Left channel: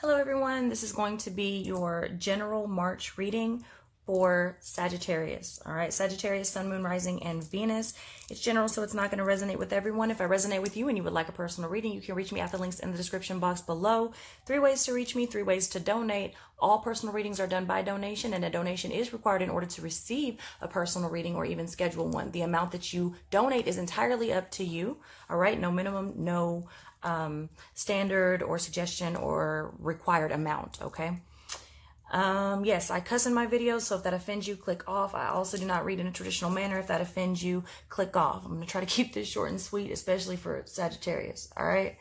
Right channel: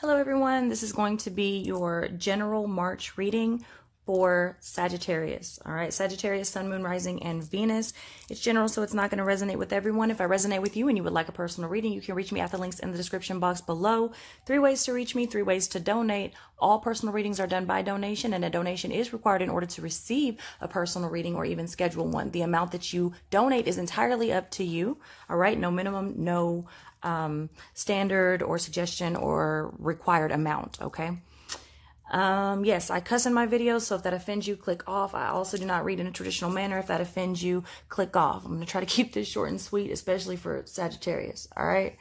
Hello everyone, this is going to be your general March reading for Sagittarius. All right, Sagittarius, Sun, Moon, Rising, and Venus. It's general, so it's not going to resonate with everyone. If I resonate with you and you would like a personal reading, you can reach me at the links in the description box below. 3 ways to reach me, 3 ways to donate. All personal readings are done by donation, and a donation is required in order to receive a personal reading or even schedule one. The amount that you donate is entirely up to you. All right, no minimum, no standard or suggestion or required amount. Okay. Yes, I cuss in my videos, so if that offends you, click off. I also do not read in a traditional manner. If that offends you, click off. I'm going to try to keep this short and sweet, especially for Sagittarius. All right.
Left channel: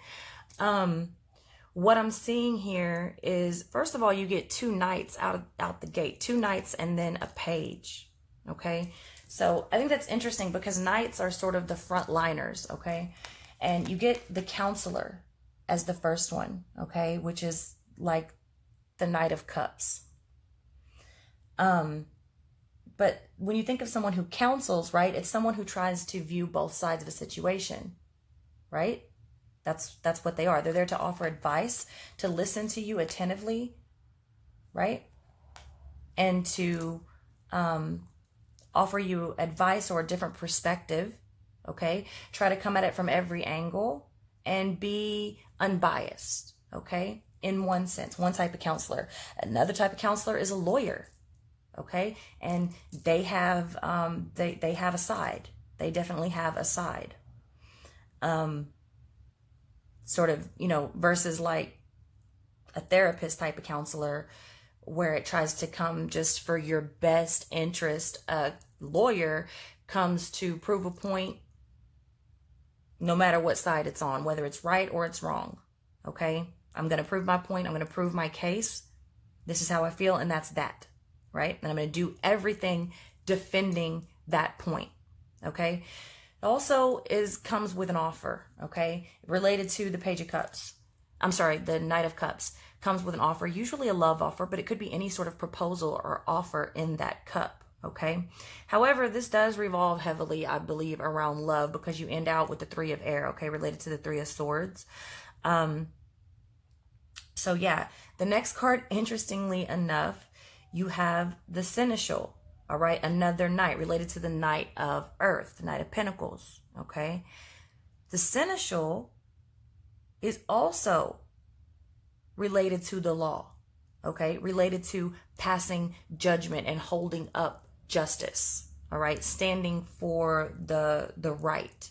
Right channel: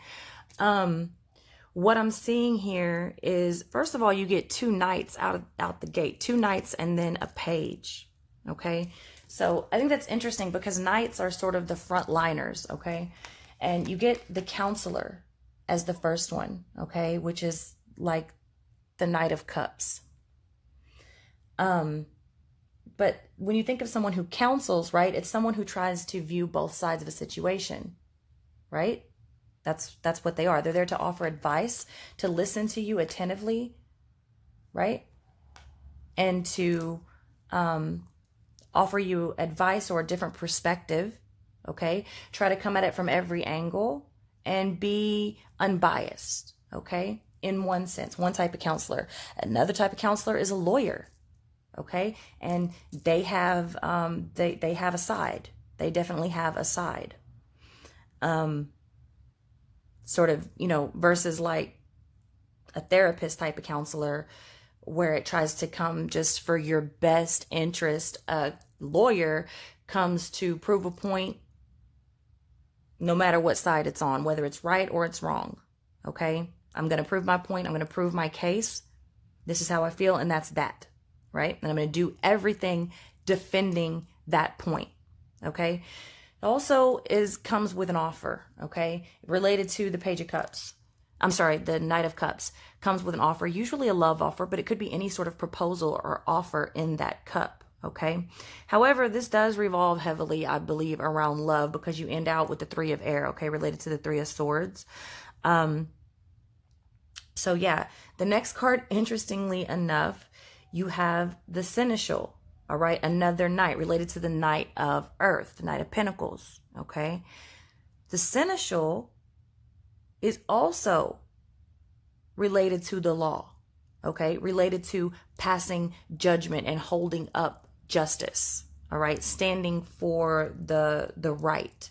What I'm seeing here is, first of all, you get 2 knights out the gate, 2 knights and then a page. Okay. So I think that's interesting because knights are sort of the front liners. Okay. And you get the counselor as the first one, okay, which is like the Knight of Cups. But when you think of someone who counsels, right, it's someone who tries to view both sides of a situation, right? That's what they are. They're there to offer advice, to listen to you attentively, right? And to offer you advice or a different perspective. Okay, try to come at it from every angle and be unbiased, okay, in one sense, one type of counselor. Another type of counselor is a lawyer, okay, and they have they have a side. They definitely have a side. Sort of, you know, versus like a therapist type of counselor where it tries to come just for your best interest. A lawyer comes to prove a point no matter what side it's on, whether it's right or it's wrong, okay? I'm going to prove my point. I'm going to prove my case. This is how I feel, and that's that, right? And I'm going to do everything defending that point, okay? It also comes with an offer, okay? Related to the Page of Cups. I'm sorry, the Knight of Cups comes with an offer, usually a love offer, but it could be any sort of proposal or offer in that cup. Okay. However, this does revolve heavily, I believe, around love because you end out with the 3 of air, okay, related to the 3 of swords. So yeah, the next card, interestingly enough, you have the Seneschal, all right, another knight related to the Knight of Earth, the Knight of Pentacles, okay. The Seneschal is also related to the law, okay, related to passing judgment and holding up justice, all right, standing for the right,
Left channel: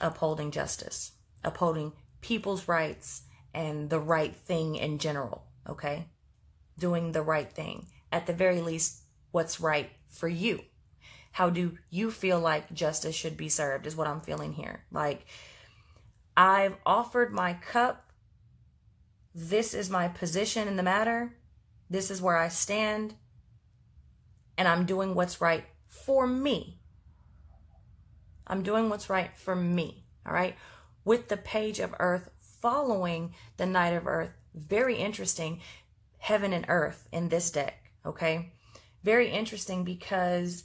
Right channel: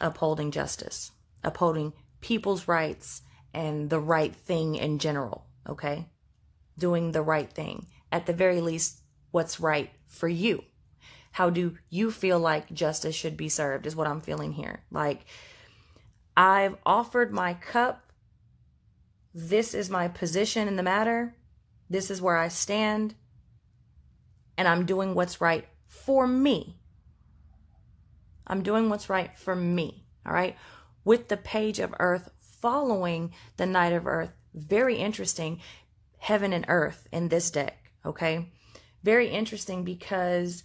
upholding justice, upholding people's rights and the right thing in general, okay, doing the right thing, at the very least, what's right for you. How do you feel like justice should be served is what I'm feeling here. Like, I've offered my cup. This is my position in the matter. This is where I stand, and I'm doing what's right for me. I'm doing what's right for me, all right? With the Page of Earth following the Knight of Earth, very interesting, heaven and earth in this deck, okay? Very interesting because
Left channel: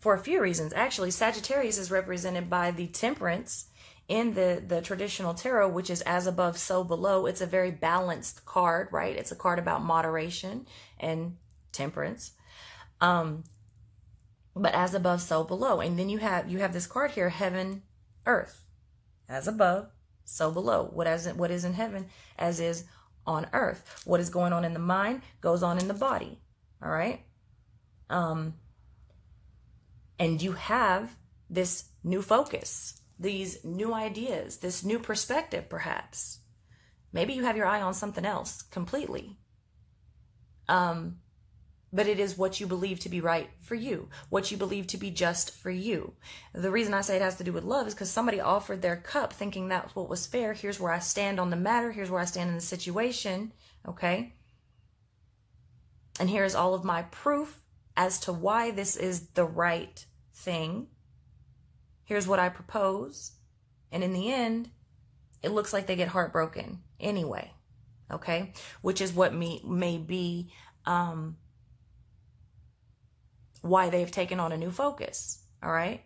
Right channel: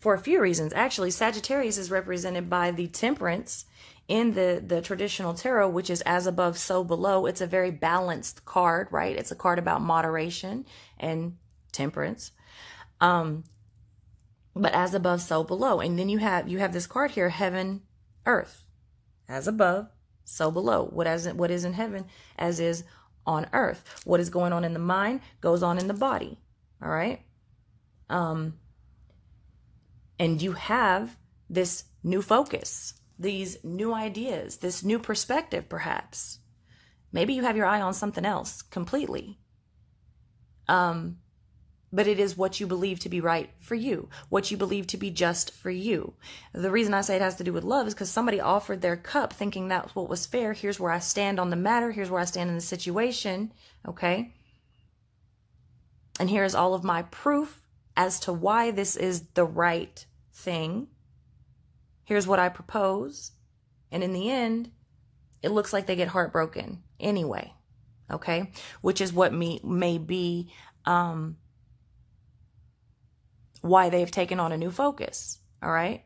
for a few reasons. Actually, Sagittarius is represented by the Temperance in the traditional tarot, which is as above, so below. It's a very balanced card, right? It's a card about moderation and temperance. But as above, so below. And then you have this card here, heaven, earth. As above, so below. What is in heaven, as is on earth. What is going on in the mind goes on in the body. All right? And you have this new focus, these new ideas, this new perspective, perhaps. Maybe you have your eye on something else completely. But it is what you believe to be right for you, what you believe to be just for you. The reason I say it has to do with love is because somebody offered their cup thinking that's what was fair. Here's where I stand on the matter. Here's where I stand in the situation. Okay. And here's all of my proof as to why this is the right thing. Here's what I propose. And in the end, it looks like they get heartbroken anyway. Okay. Which is what may be, why they've taken on a new focus. All right.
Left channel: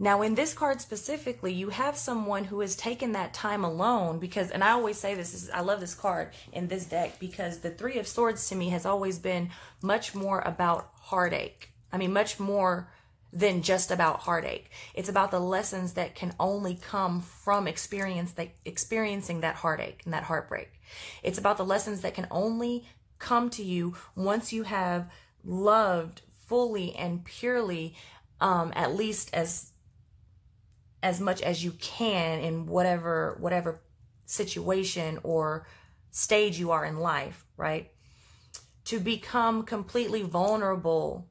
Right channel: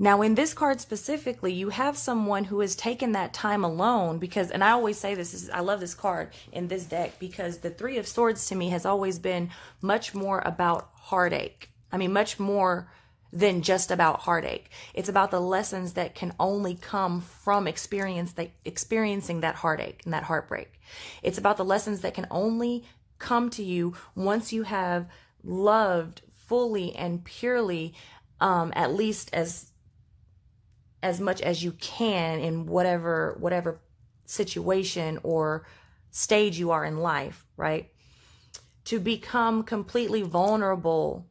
Now, in this card specifically, you have someone who has taken that time alone because, and I always say this, I love this card in this deck because the Three of Swords to me has always been much more about heartache. I mean, much more than just about heartache. It's about the lessons that can only come from experiencing that heartache and that heartbreak. It's about the lessons that can only come to you once you have loved fully and purely, at least as much as you can in whatever situation or stage you are in life, right? To become completely vulnerable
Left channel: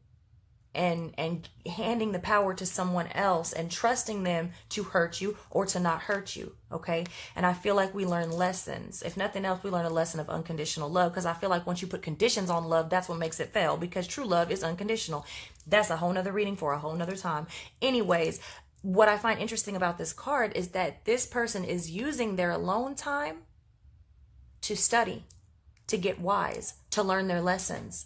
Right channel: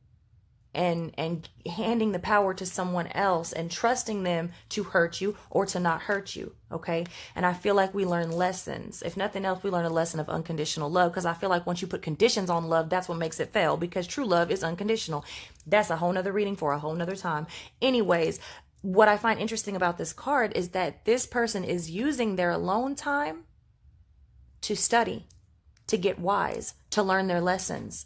and handing the power to someone else and trusting them to hurt you or to not hurt you, okay? And I feel like we learn lessons. If nothing else, we learn a lesson of unconditional love, because I feel like once you put conditions on love, that's what makes it fail, because true love is unconditional. That's a whole nother reading for a whole nother time. Anyways, what I find interesting about this card is that this person is using their alone time to study, to get wise, to learn their lessons,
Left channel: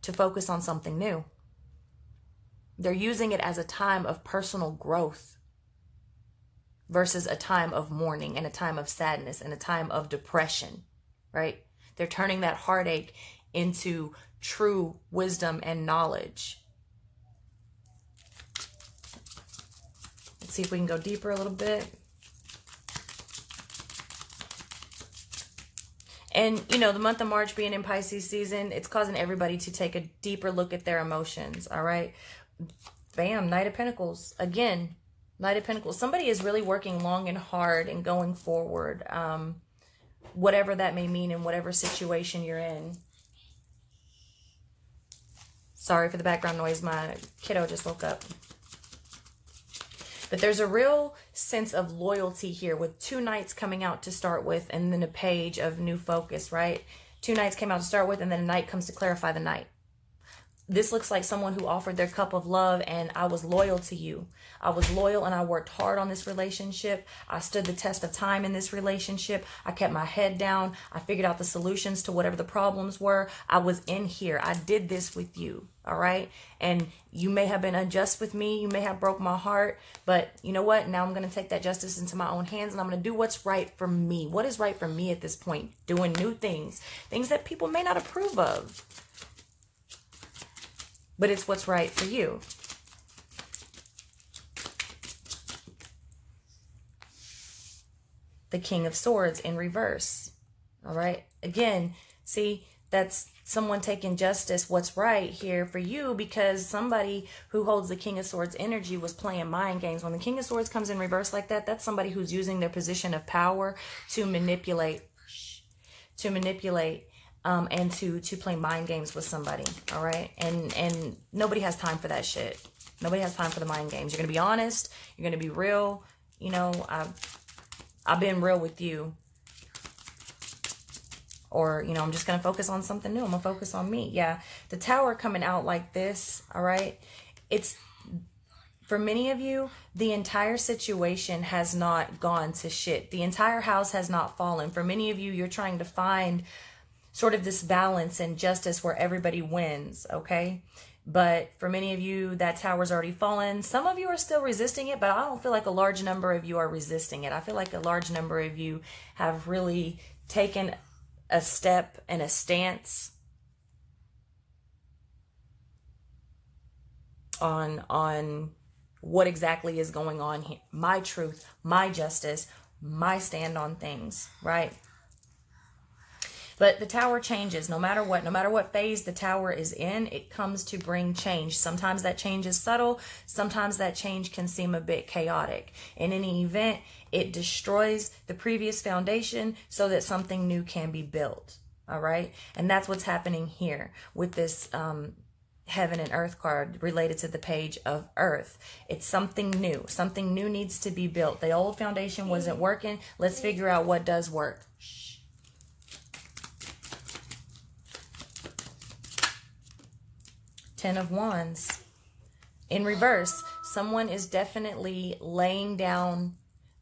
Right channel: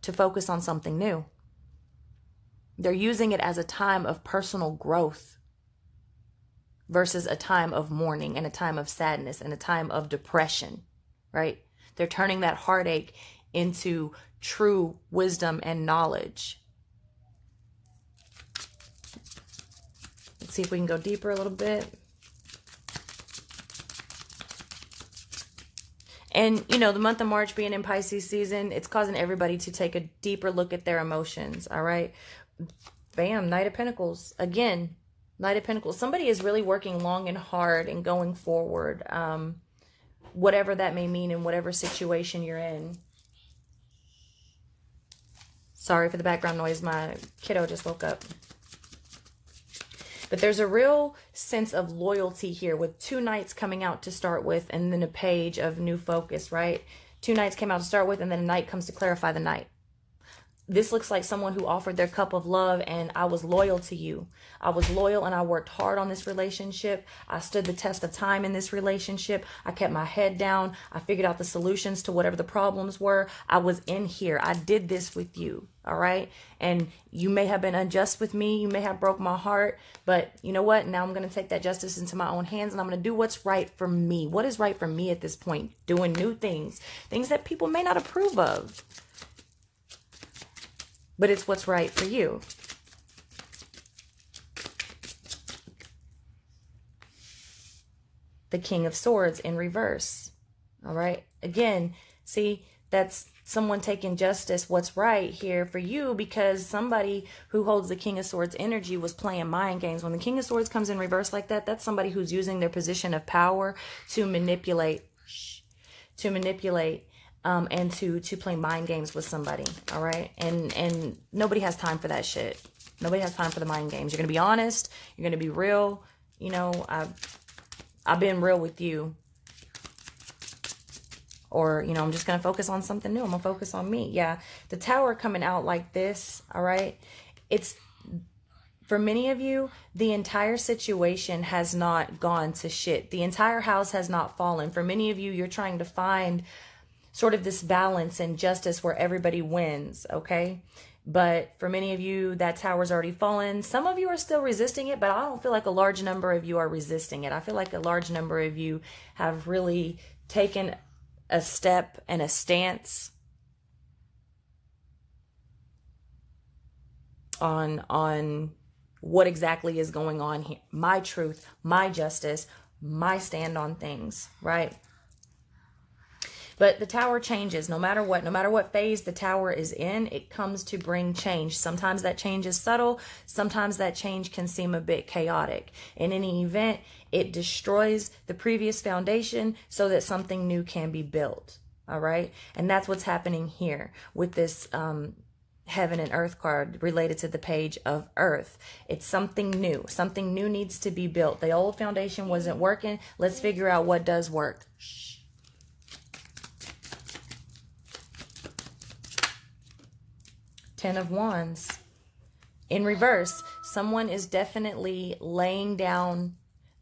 to focus on something new. They're using it as a time of personal growth versus a time of mourning and a time of sadness and a time of depression, right? They're turning that heartache into true wisdom and knowledge. Let's see if we can go deeper a little bit. And, you know, the month of March being in Pisces season, it's causing everybody to take a deeper look at their emotions, all right? Bam, Knight of Pentacles. Again, Knight of Pentacles. Somebody is really working long and hard and going forward, whatever that may mean in whatever situation you're in. Sorry for the background noise. My kiddo just woke up. But there's a real sense of loyalty here with two knights coming out to start with and then a page of new focus, right? Two knights came out to start with and then a knight comes to clarify the knight. This looks like someone who offered their cup of love and I was loyal to you. I was loyal and I worked hard on this relationship. I stood the test of time in this relationship. I kept my head down. I figured out the solutions to whatever the problems were. I was in here. I did this with you. All right. And you may have been unjust with me. You may have broke my heart. But you know what? Now I'm going to take that justice into my own hands and I'm going to do what's right for me. What is right for me at this point? Doing new things. Things that people may not approve of. But it's what's right for you. The King of Swords in reverse. All right. Again, see, that's someone taking justice, what's right here for you, because somebody who holds the King of Swords energy was playing mind games. When the King of Swords comes in reverse like that, that's somebody who's using their position of power to manipulate, and to play mind games with somebody. All right. And nobody has time for that shit. Nobody has time for the mind games. You're going to be honest. You're going to be real. You know, I've been real with you. Or, you know, I'm just going to focus on something new. I'm going to focus on me. Yeah. The Tower coming out like this. All right. It's, for many of you, the entire situation has not gone to shit. The entire house has not fallen. For many of you, you're trying to find sort of this balance and justice where everybody wins. Okay. But for many of you, that tower's already fallen. Some of you are still resisting it, but I don't feel like a large number of you are resisting it. I feel like a large number of you have really taken a step and a stance on what exactly is going on here. My truth, my justice, my stand on things, right? But the Tower changes no matter what phase the Tower is in, it comes to bring change. Sometimes that change is subtle. Sometimes that change can seem a bit chaotic. In any event, it destroys the previous foundation so that something new can be built. All right. And that's what's happening here with this Heaven and Earth card related to the Page of Earth. It's something new. Something new needs to be built. The old foundation wasn't working. Let's figure out what does work. Ten of Wands. In reverse, someone is definitely laying down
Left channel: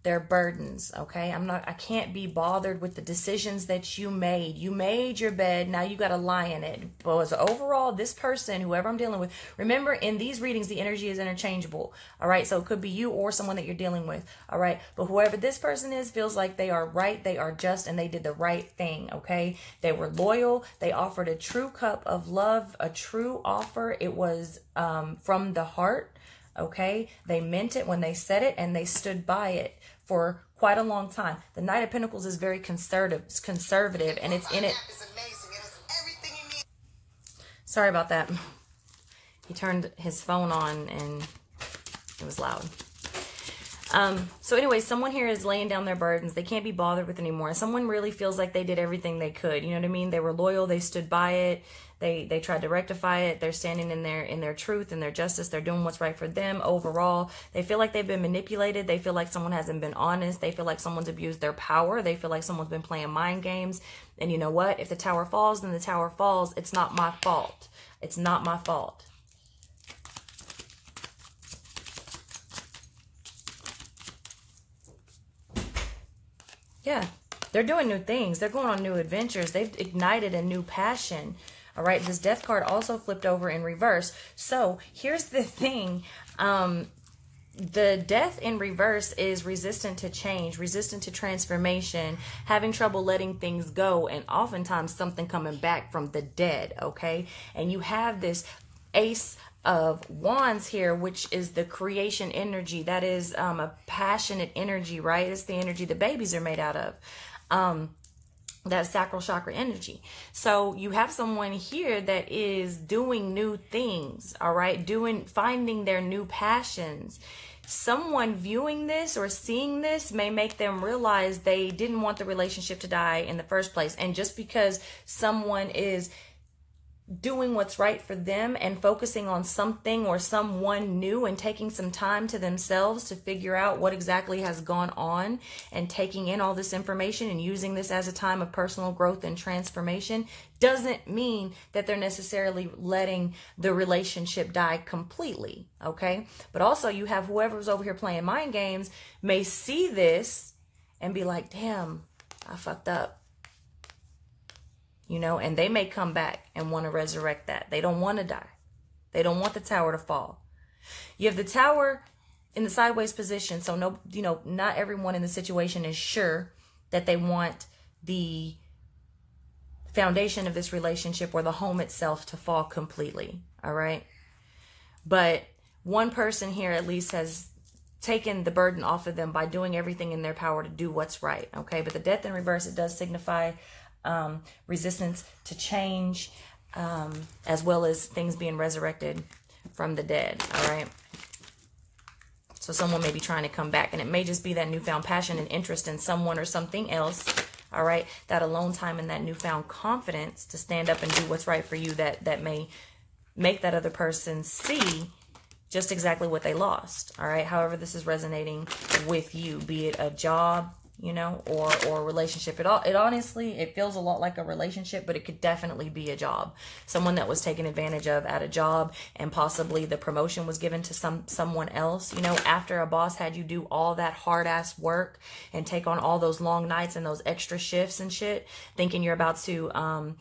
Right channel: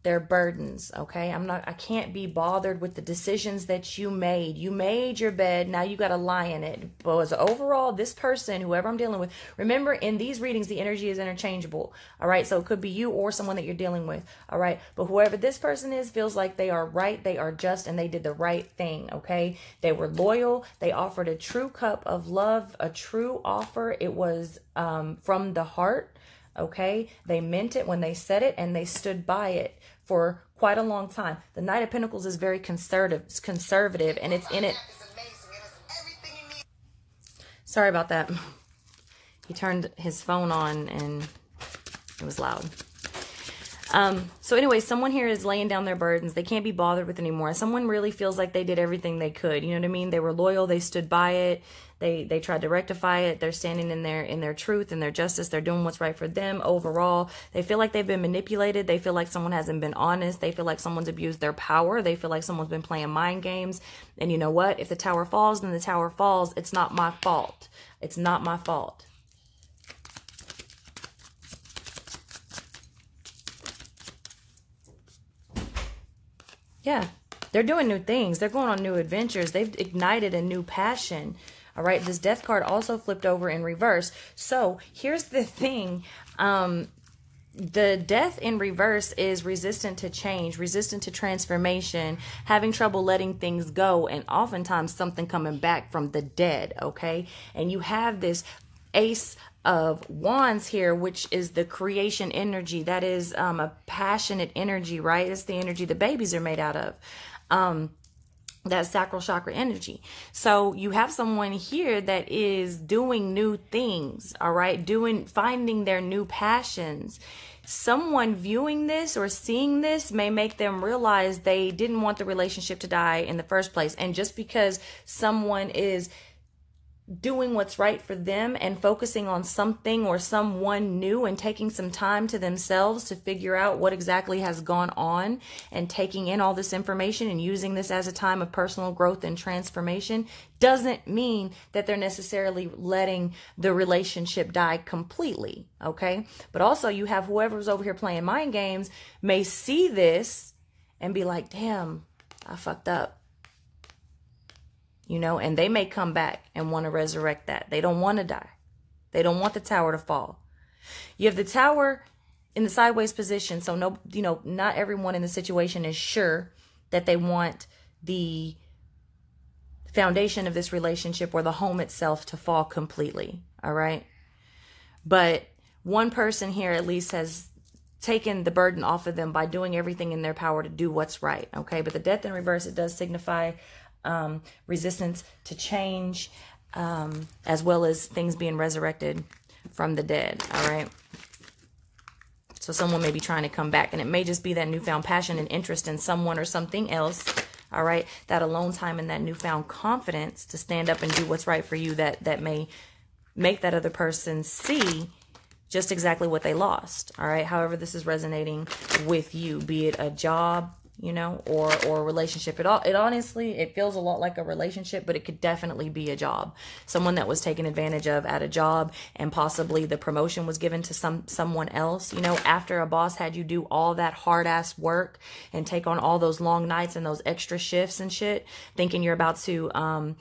their burdens, okay? I can't be bothered with the decisions that you made. You made your bed, now you got to lie in it. But as overall, this person, whoever I'm dealing with, remember in these readings, the energy is interchangeable, all right? So it could be you or someone that you're dealing with, all right? But whoever this person is feels like they are right, they are just, and they did the right thing, okay? They were loyal. They offered a true cup of love, a true offer. It was from the heart, okay? They meant it when they said it, and they stood by it for quite a long time. The Knight of Pentacles is very conservative, and it's in it. Sorry about that. He turned his phone on and it was loud. So anyway, someone here is laying down their burdens. They can't be bothered with anymore. Someone really feels like they did everything they could. You know what I mean? They were loyal. They stood by it. They tried to rectify it. They're standing in their truth and their justice. They're doing what's right for them overall. They feel like they've been manipulated. They feel like someone hasn't been honest. They feel like someone's abused their power. They feel like someone's been playing mind games. And you know what? If the tower falls, then the tower falls. It's not my fault. It's not my fault. Yeah, they're doing new things. They're going on new adventures. They've ignited a new passion. All right, this Death card also flipped over in reverse. So here's the thing. The Death in reverse is resistant to change, resistant to transformation, having trouble letting things go, and oftentimes something coming back from the dead, okay? And you have this Ace of Wands here, which is the creation energy. That is a passionate energy, right? It's the energy the babies are made out of. That sacral chakra energy. So you have someone here that is doing new things, all right? Finding their new passions. Someone viewing this or seeing this may make them realize they didn't want the relationship to die in the first place. And just because someone is doing what's right for them and focusing on something or someone new and taking some time to themselves to figure out what exactly has gone on and taking in all this information and using this as a time of personal growth and transformation doesn't mean that they're necessarily letting the relationship die completely, okay? But also you have whoever's over here playing mind games may see this and be like, damn, I fucked up. You know, and they may come back and want to resurrect that. They don't want to die. They don't want the tower to fall. You have the tower in the sideways position. So, no, you know, not everyone in the situation is sure that they want the foundation of this relationship or the home itself to fall completely. All right. But one person here at least has taken the burden off of them by doing everything in their power to do what's right. Okay. But the Death in reverse, it does signify resistance to change, as well as things being resurrected from the dead. All right. So someone may be trying to come back, and it may just be that newfound passion and interest in someone or something else. All right. That alone time and that newfound confidence to stand up and do what's right for you that may make that other person see just exactly what they lost. All right. However, this is resonating with you, be it a job, you know, or a relationship. It honestly, it feels a lot like a relationship, but it could definitely be a job. Someone that was taken advantage of at a job, and possibly the promotion was given to someone else. You know, after a boss had you do all that hard ass work and take on all those long nights and those extra shifts and shit, thinking you're about to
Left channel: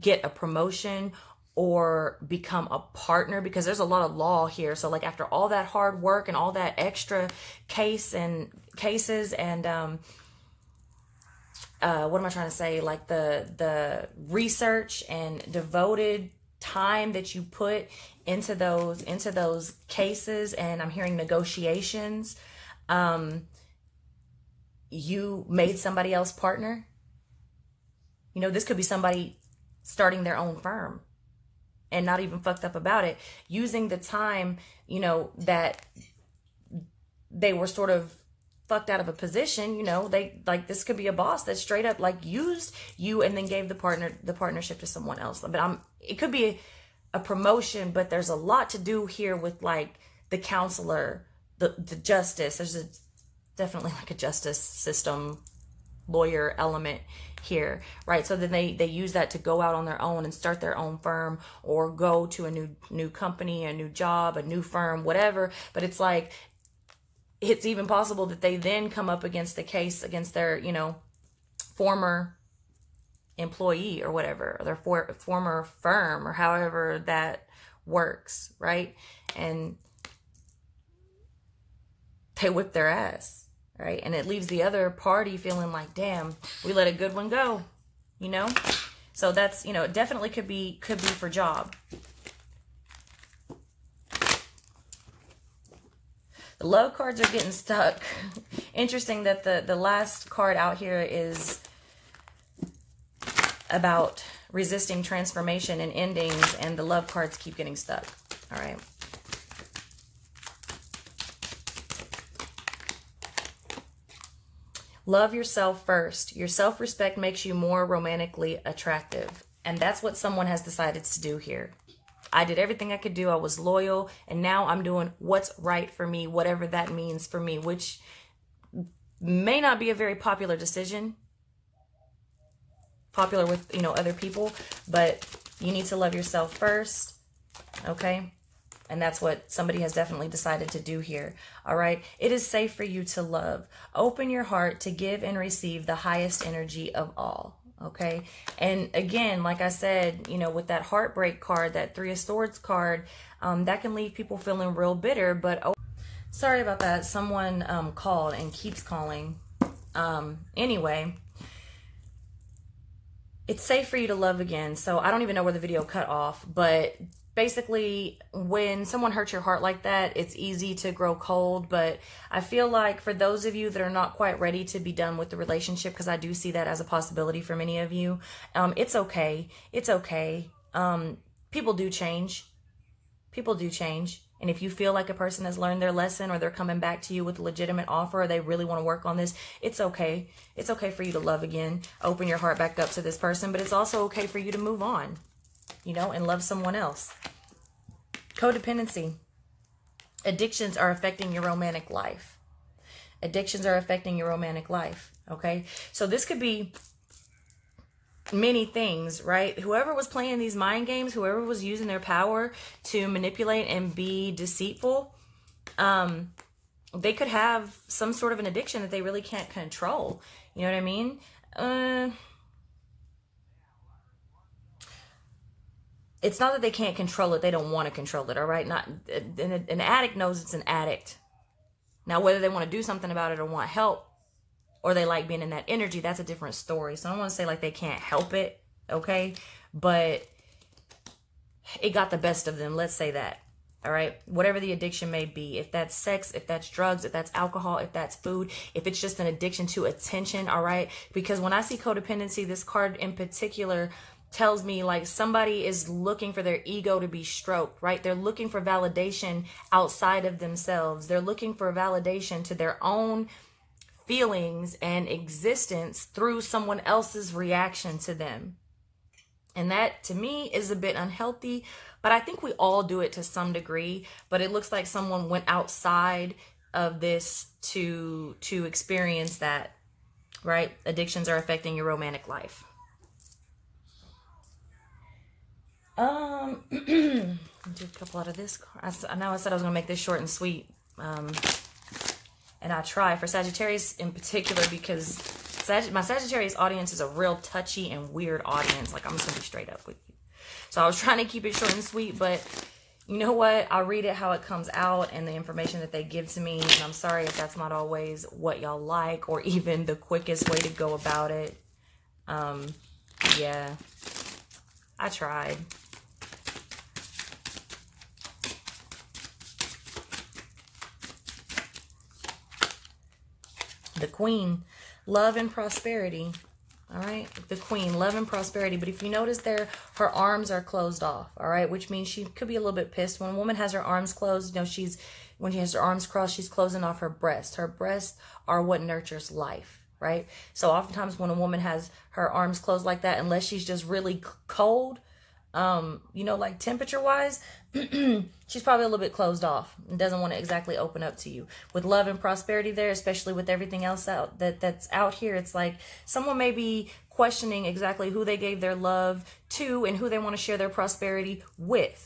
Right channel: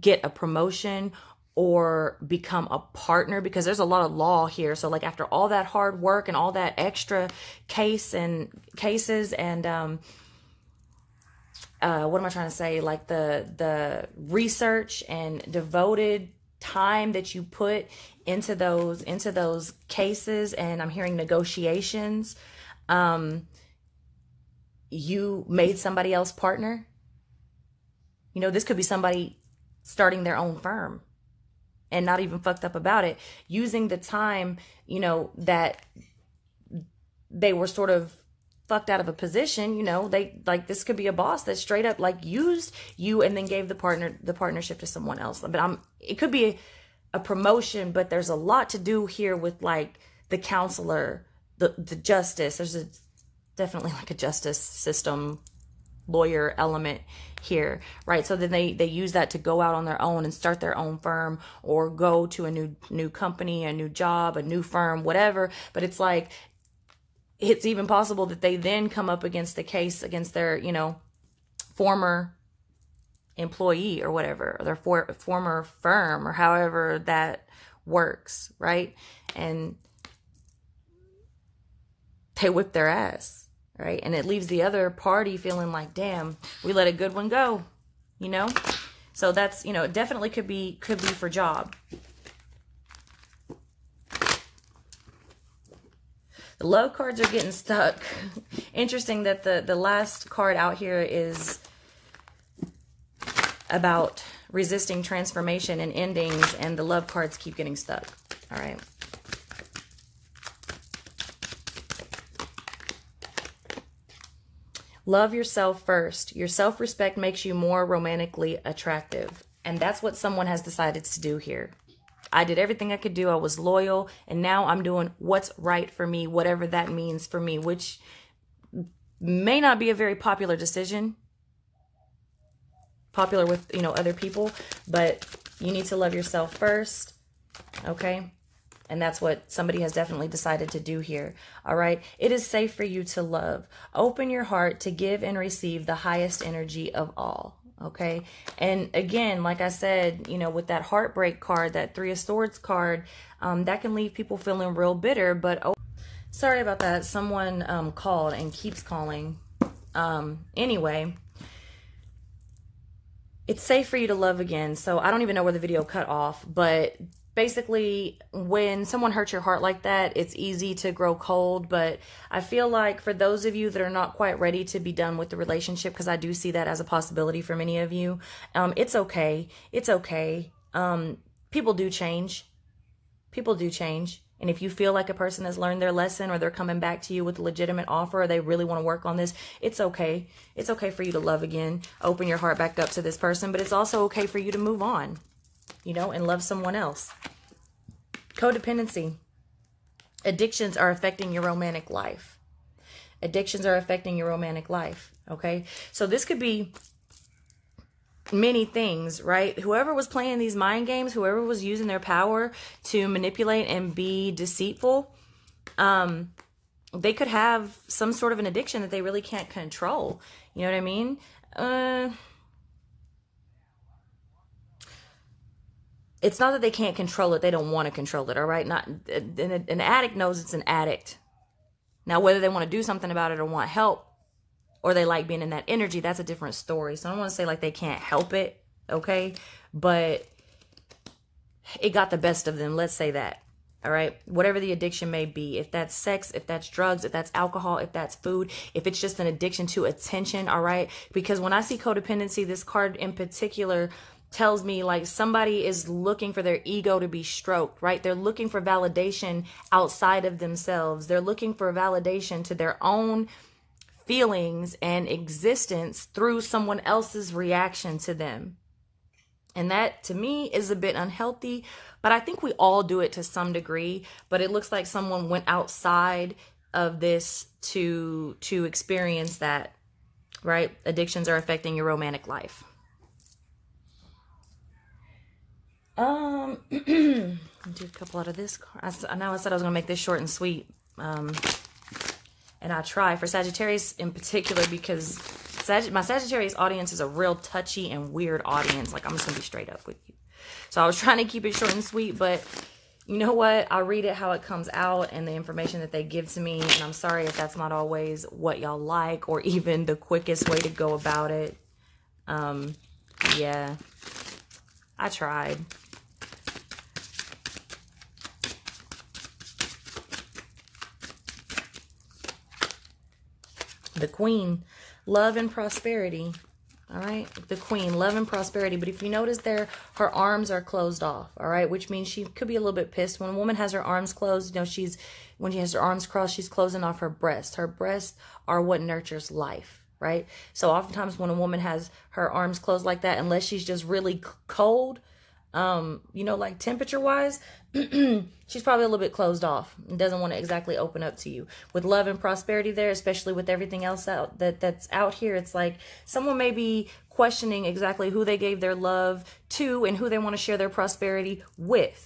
get a promotion or become a partner, because there's a lot of law here. So like after all that hard work and all that extra cases and what am I trying to say? Like the research and devoted time that you put into those cases, and I'm hearing negotiations, you made somebody else partner. You know, this could be somebody starting their own firm and not even fucked up about it, using the time, you know, that they were sort of fucked out of a position. You know, they like, this could be a boss that straight up like used you and then gave the partnership to someone else. But it could be a promotion, but there's a lot to do here with like the counselor, the justice. There's definitely like a justice system lawyer element here, right? So then they use that to go out on their own and start their own firm, or go to a new company, a new job, a new firm, whatever. But it's like it's even possible that they then come up against the case against their, you know, former employee or whatever, or their former firm, or however that works, right? And they whip their ass, right? And it leaves the other party feeling like, damn, we let a good one go, you know? So that's, you know, it definitely could be for job. The love cards are getting stuck. Interesting that the last card out here is about resisting transformation and endings, and the love cards keep getting stuck. All right. Love yourself first. Your self-respect makes you more romantically attractive. And that's what someone has decided to do here. I did everything I could do. I was loyal. And now I'm doing what's right for me, whatever that means for me, which may not be a very popular decision. Popular with, you know, other people. But you need to love yourself first. Okay? And that's what somebody has definitely decided to do here. All right. It is safe for you to love. Open your heart to give and receive the highest energy of all. Okay. And again, like I said, you know, with that heartbreak card, that Three of Swords card, that can leave people feeling real bitter. But oh, sorry about that. Someone called and keeps calling. Anyway, it's safe for you to love again. So I don't even know where the video cut off, but basically, when someone hurts your heart like that, it's easy to grow cold. But I feel like for those of you that are not quite ready to be done with the relationship, because I do see that as a possibility for many of you, it's okay. It's okay. People do change. People do change. And if you feel like a person has learned their lesson, or they're coming back to you with a legitimate offer, or they really want to work on this, it's okay. It's okay for you to love again. Open your heart back up to this person. But it's also okay for you to move on, you know, and love someone else. Codependency. Addictions are affecting your romantic life. Addictions are affecting your romantic life. Okay. So this could be many things, right? Whoever was playing these mind games, whoever was using their power to manipulate and be deceitful, they could have some sort of an addiction that they really can't control. You know what I mean? It's not that they can't control it. They don't want to control it. All right. An addict knows it's an addict. Now, whether they want to do something about it or want help, or they like being in that energy, that's a different story. So I don't want to say like they can't help it. Okay. But it got the best of them. Let's say that. All right. Whatever the addiction may be, if that's sex, if that's drugs, if that's alcohol, if that's food, if it's just an addiction to attention. All right. Because when I see codependency, this card in particular tells me like somebody is looking for their ego to be stroked, right? They're looking for validation outside of themselves. They're looking for validation to their own feelings and existence through someone else's reaction to them. And that to me is a bit unhealthy, but I think we all do it to some degree. But it looks like someone went outside of this to experience that, right? Addictions are affecting your romantic life. Do a couple out of this. I know I said I was going to make this short and sweet. And I try for Sagittarius in particular, because my Sagittarius audience is a real touchy and weird audience. Like, I'm just going to be straight up with you. So I was trying to keep it short and sweet, but you know what? I'll read it how it comes out and the information that they give to me. And I'm sorry if that's not always what y'all like, or even the quickest way to go about it. Yeah, I tried. The Queen, love and prosperity. All right. The Queen, love and prosperity. But if you notice there, her arms are closed off. All right. Which means she could be a little bit pissed. When a woman has her arms closed, you know, when she has her arms crossed, she's closing off her breasts. Her breasts are what nurtures life. Right. So oftentimes when a woman has her arms closed like that, unless she's just really cold, you know, like temperature wise, she's probably a little bit closed off and doesn't want to exactly open up to you. With love and prosperity there, especially with everything else that's out here, it's like someone may be questioning exactly who they gave their love to and who they want to share their prosperity with.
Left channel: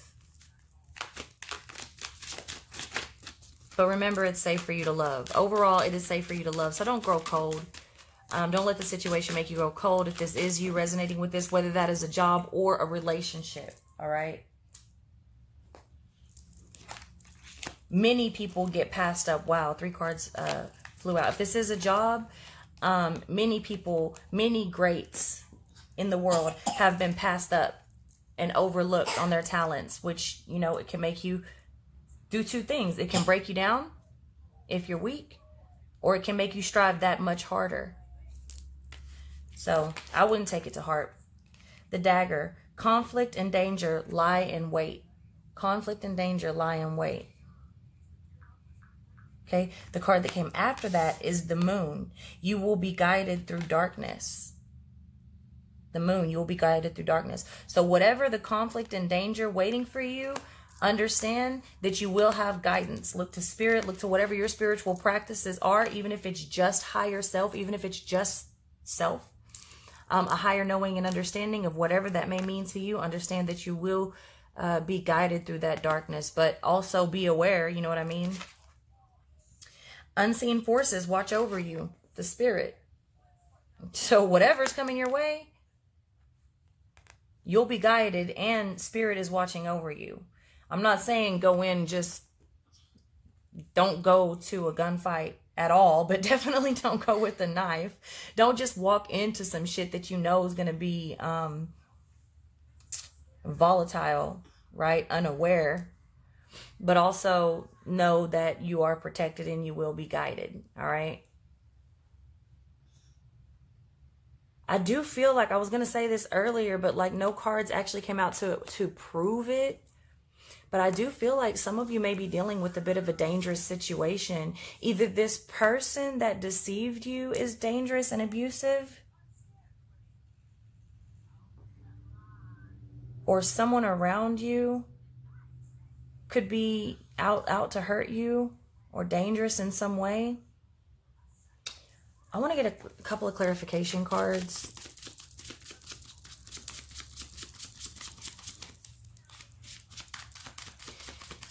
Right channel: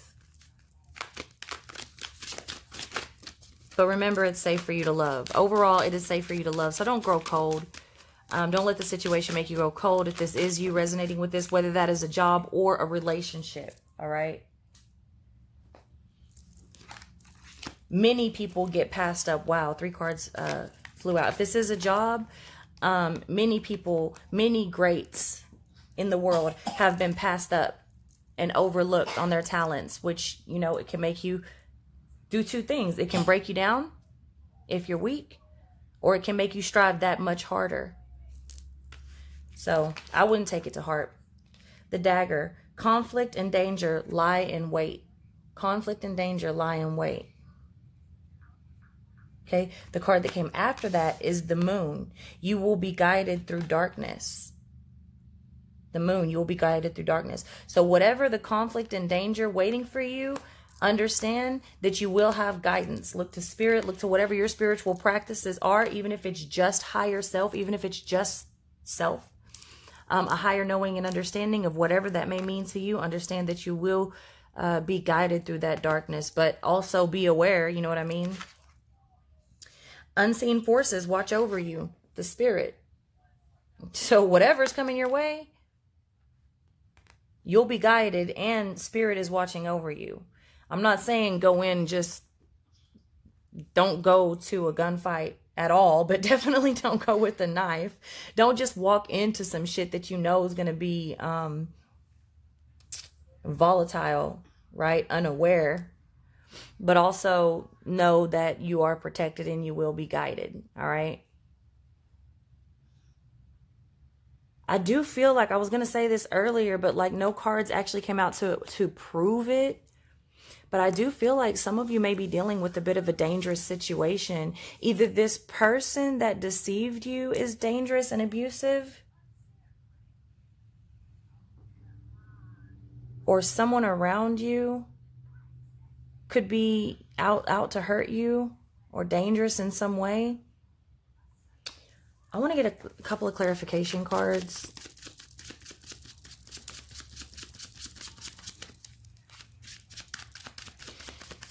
But remember, it's safe for you to love. Overall, it is safe for you to love. So don't grow cold. Don't let the situation make you grow cold. If this is you resonating with this, whether that is a job or a relationship. All right. Many people get passed up. Wow, 3 cards flew out. If this is a job, many people, many greats in the world have been passed up and overlooked on their talents, which, you know, it can make you do 2 things. It can break you down if you're weak, or it can make you strive that much harder. So I wouldn't take it to heart. The dagger, conflict and danger lie in wait. Conflict and danger lie in wait. Okay, the card that came after that is the moon. You will be guided through darkness. The moon, you will be guided through darkness. So whatever the conflict and danger waiting for you, understand that you will have guidance. Look to spirit, look to whatever your spiritual practices are, even if it's just higher self, even if it's just self. A higher knowing and understanding of whatever that may mean to you. Understand that you will be guided through that darkness, but also be aware, you know what I mean? Unseen forces watch over you, the spirit. So whatever's coming your way, you'll be guided, and spirit is watching over you. I'm not saying go in, just don't go to a gunfight at all, but definitely don't go with a knife. Don't just walk into some shit that you know is going to be volatile, right? Unaware. But also know that you are protected and you will be guided, all right? I do feel like, I was going to say this earlier, but like no cards actually came out to prove it. But I do feel like some of you may be dealing with a bit of a dangerous situation. Either this person that deceived you is dangerous and abusive, or someone around you could be out to hurt you or dangerous in some way. I want to get a couple of clarification cards.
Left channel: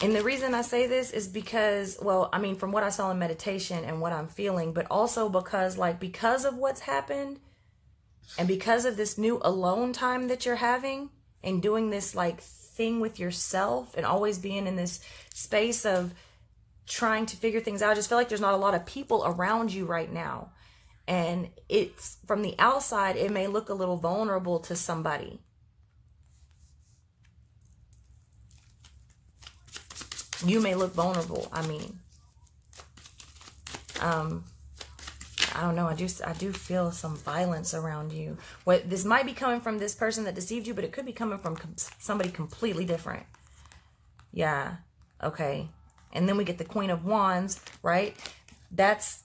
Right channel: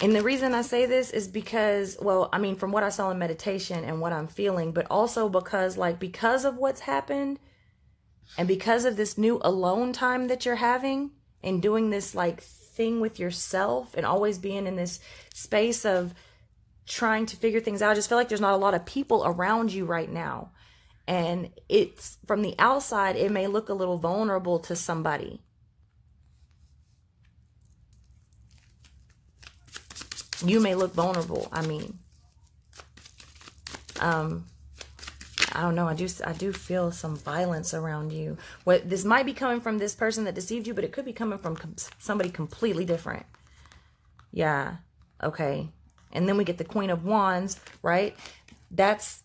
And the reason I say this is because, well, I mean, from what I saw in meditation and what I'm feeling, but also because, like, because of what's happened and because of this new alone time that you're having and doing this, like, thing with yourself and always being in this space of trying to figure things out. I just feel like there's not a lot of people around you right now. And it's, from the outside, it may look a little vulnerable to somebody. You may look vulnerable. I mean, I don't know. I do feel some violence around you. What this might be coming from this person that deceived you, but it could be coming from somebody completely different. Yeah. Okay. And then we get the Queen of Wands, right? That's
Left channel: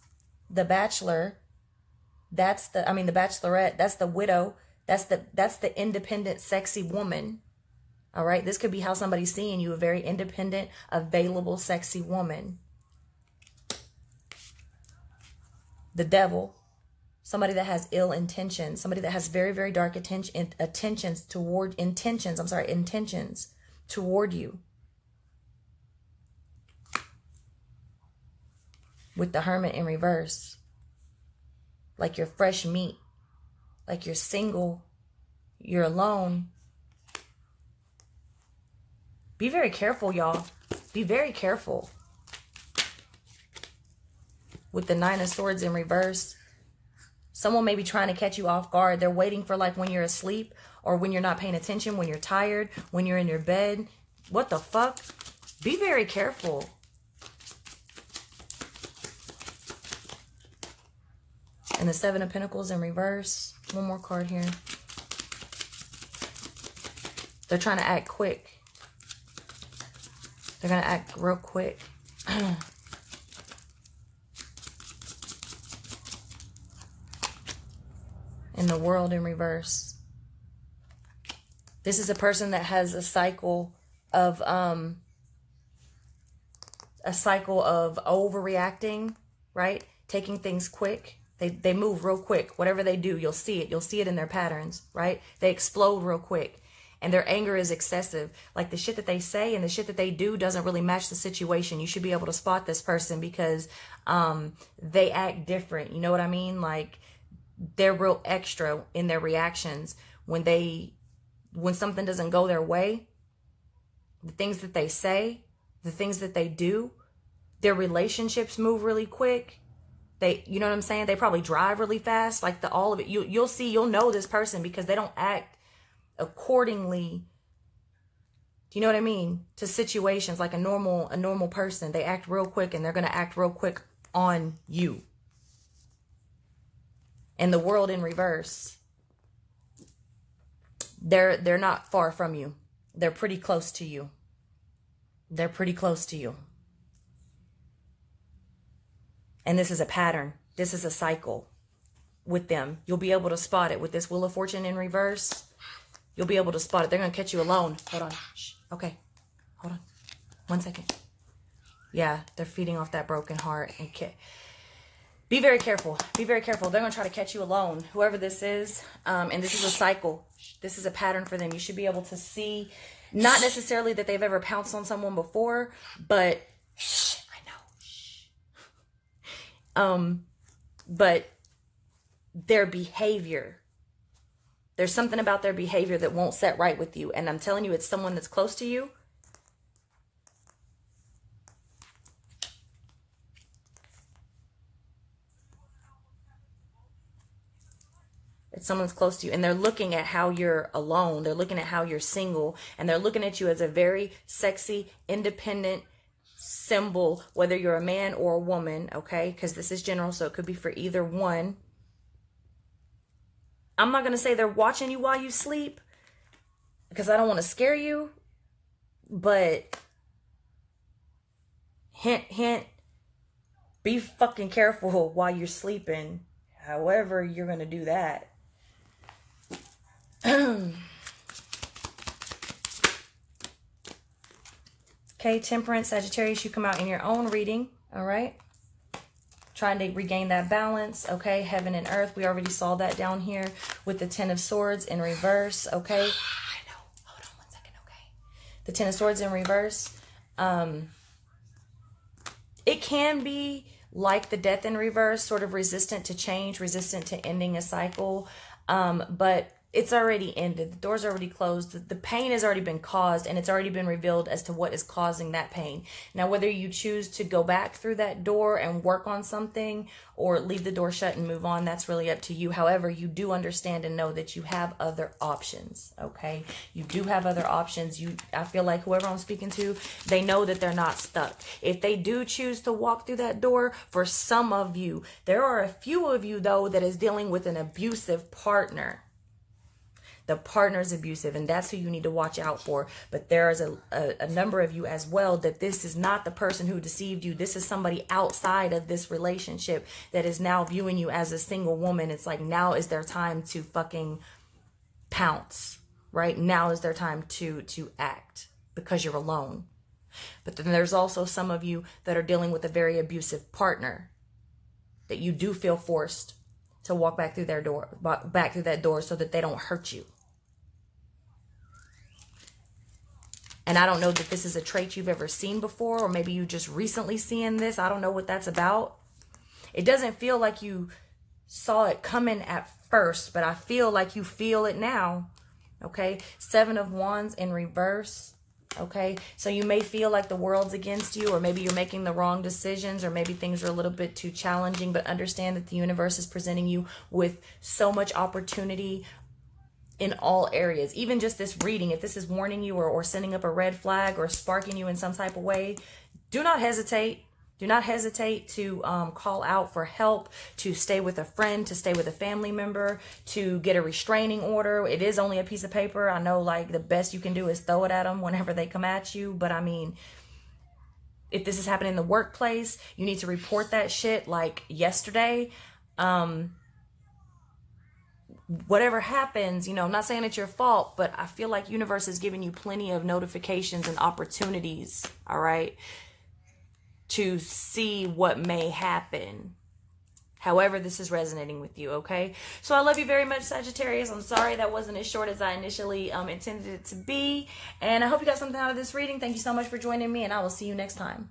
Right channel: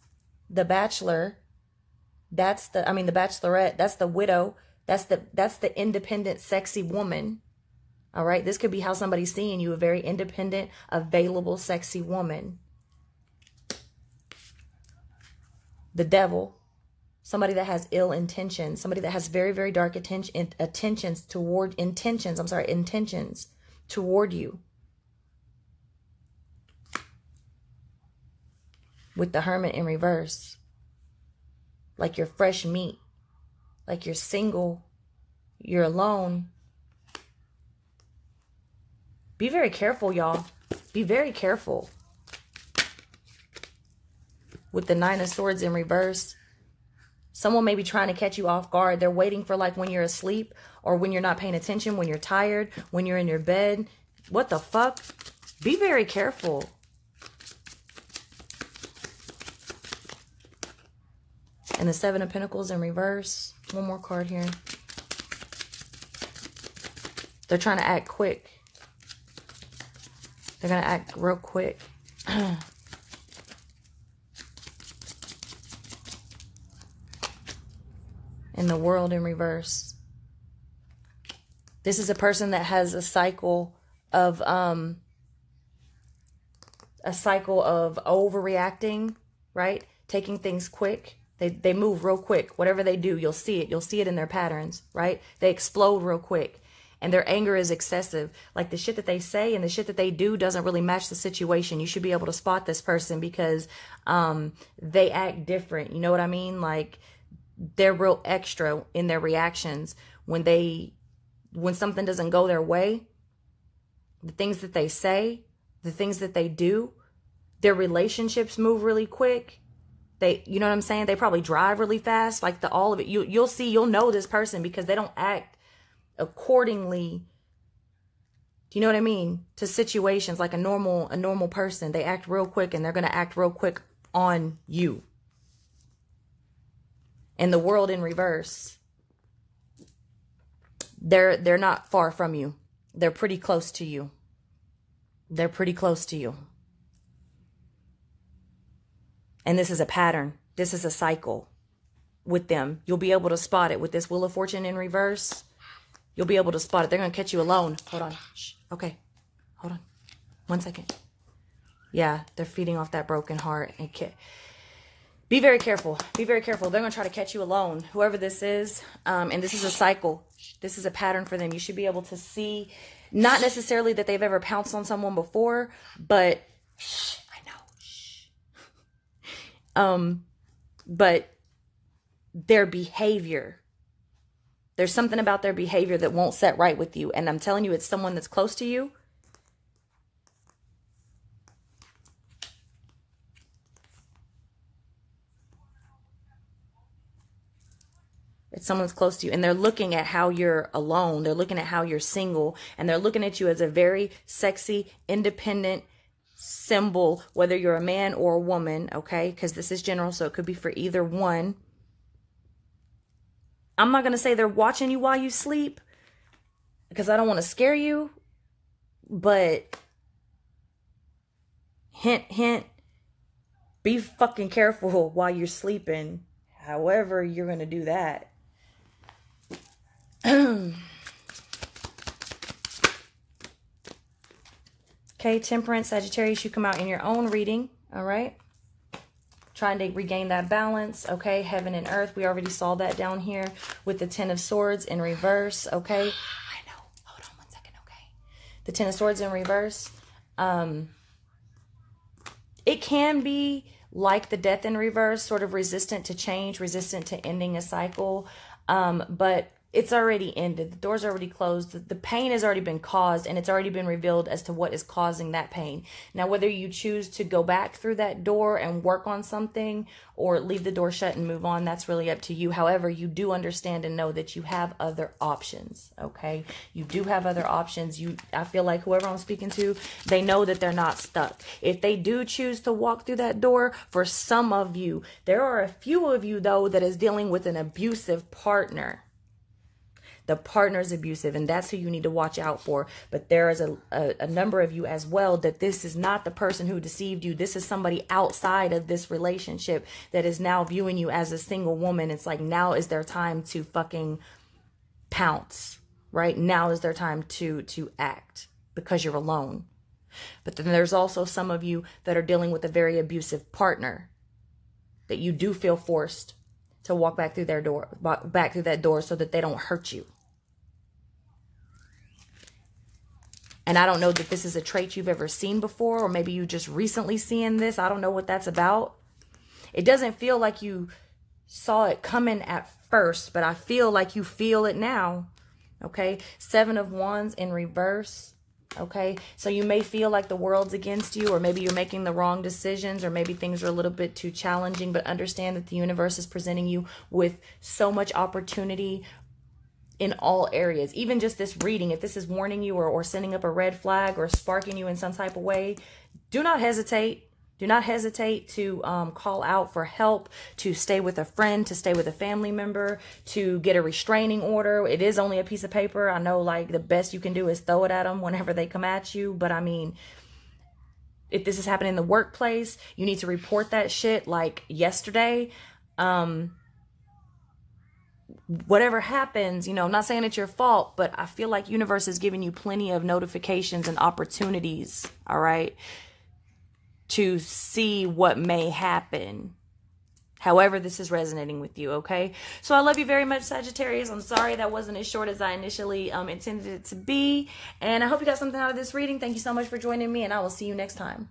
the Bachelor. That's the, I mean, the Bachelorette. That's the widow. That's the independent, sexy woman. All right. This could be how somebody's seeing you, a very independent, available, sexy woman. The Devil, somebody that has ill intentions, somebody that has very, very dark intentions toward you. With the Hermit in reverse, like you're fresh meat, like you're single, you're alone. Be very careful, y'all. Be very careful. With the Nine of Swords in reverse, someone may be trying to catch you off guard. They're waiting for, like, when you're asleep or when you're not paying attention, when you're tired, when you're in your bed. What the fuck? Be very careful. And the Seven of Pentacles in reverse. One more card here. They're trying to act quick. They're going to act real quick. In the World in reverse. This is a person that has a cycle of overreacting, right? Taking things quick. They move real quick. Whatever they do, you'll see it. You'll see it in their patterns, right? They explode real quick. And their anger is excessive. Like the shit that they say and the shit that they do doesn't really match the situation. You should be able to spot this person because they act different. You know what I mean? Like they're real extra in their reactions when something doesn't go their way. The things that they say, the things that they do, their relationships move really quick. You know what I'm saying? They probably drive really fast. Like all of it. You'll know this person because they don't act accordingly, do you know what I mean, to situations like a normal person. They act real quick, and they're going to act real quick on you. And the world in reverse, they're not far from you. They're pretty close to you. They're pretty close to you. And this is a pattern. This is a cycle with them. You'll be able to spot it with this Wheel of Fortune in reverse. You'll be able to spot it. They're going to catch you alone. Hold on. Shh. Okay. Hold on. 1 second. Yeah, they're feeding off that broken heart. Okay. Be very careful. Be very careful. They're going to try to catch you alone, whoever this is. And this is a cycle. This is a pattern for them. You should be able to see, not necessarily that they've ever pounced on someone before, but I know. But their behavior. There's something about their behavior that won't set right with you. And I'm telling you, it's someone that's close to you. It's someone's close to you. And they're looking at how you're alone. They're looking at how you're single. And they're looking at you as a very sexy, independent symbol, whether you're a man or a woman, okay? Because this is general, so it could be for either one. I'm not going to say they're watching you while you sleep because I don't want to scare you, but hint, hint, be fucking careful while you're sleeping, however you're going to do that. Okay, Temperance, Sagittarius, you come out in your own reading, all right? Trying to regain that balance, okay? Heaven and earth, we already saw that down here with the Ten of Swords in reverse, okay? I know. Hold on 1 second, okay? The Ten of Swords in reverse. It can be like the Death in reverse, sort of resistant to change, resistant to ending a cycle, but it's already ended. The door's already closed. The pain has already been caused, and it's already been revealed as to what is causing that pain. Now, whether you choose to go back through that door and work on something or leave the door shut and move on, that's really up to you. However, you do understand and know that you have other options, okay? You do have other options. I feel like whoever I'm speaking to, they know that they're not stuck. If they do choose to walk through that door, for some of you, there are a few of you, though, that is dealing with an abusive partner. The partner's abusive, and that's who you need to watch out for. But there's a number of you as well that this is not the person who deceived you. This is somebody outside of this relationship that is now viewing you as a single woman. It's like, now is their time to fucking pounce, right? Now is their time to act because you're alone. But then there's also some of you that are dealing with a very abusive partner that you do feel forced to walk back through that door so that they don't hurt you. And I don't know that this is a trait you've ever seen before, or maybe you just recently seeing this. I don't know what that's about. It doesn't feel like you saw it coming at first, but I feel like you feel it now. Okay. 7 of Wands in reverse. Okay. So you may feel like the world's against you, or maybe you're making the wrong decisions, or maybe things are a little bit too challenging, but understand that the universe is presenting you with so much opportunity in all areas. Even just this reading, if this is warning you or sending up a red flag or sparking you in some type of way, do not hesitate. Do not hesitate to call out for help, to stay with a friend, to stay with a family member, to get a restraining order. It is only a piece of paper. I know, like, the best you can do is throw it at them whenever they come at you. But I mean, if this is happening in the workplace, you need to report that shit like yesterday. Whatever happens, you know, I'm not saying it's your fault, but I feel like universe is giving you plenty of notifications and opportunities, all right, to see what may happen. however this is resonating with you, okay? So I love you very much, Sagittarius. I'm sorry that wasn't as short as I initially intended it to be. And I hope you got something out of this reading. Thank you so much for joining me, and I will see you next time.